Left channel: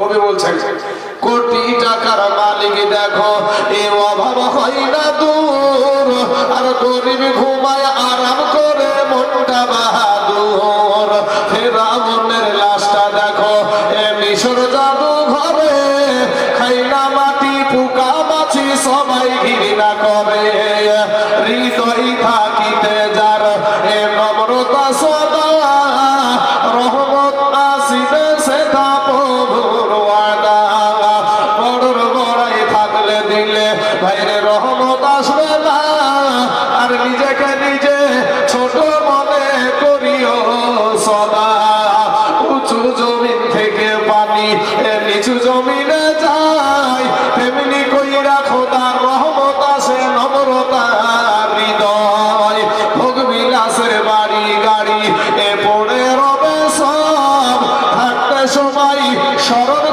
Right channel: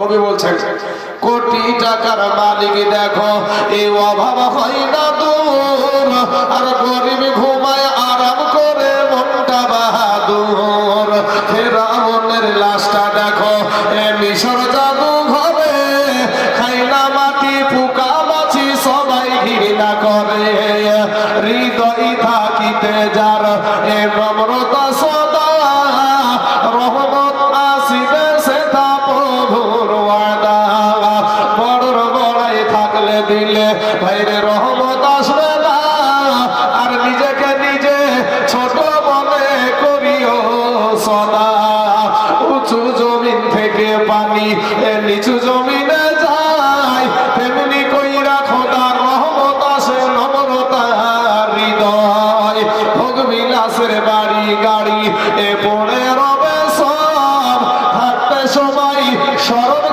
কবি বলছেন? কোটি টাকার মালিক দেখো, এ অভাব হয় না দূর। আর গরিব ঘুমায় আরাম করে মনটা বাহাদুর। ফেরাউনের লাশটা দেখো মিশর জাদু ঘরে খাইলা মাটি, পোকা মাছি সবাই ঘৃণা করে। হৃদয় এ নিচু জমিনে যায়, তেমনি কইরা খোদার রহমত আসে নম্রতা হৃদয়। ভোগ বাড়ি, গাড়ি, এ সব থাকতে সময় স্মরণ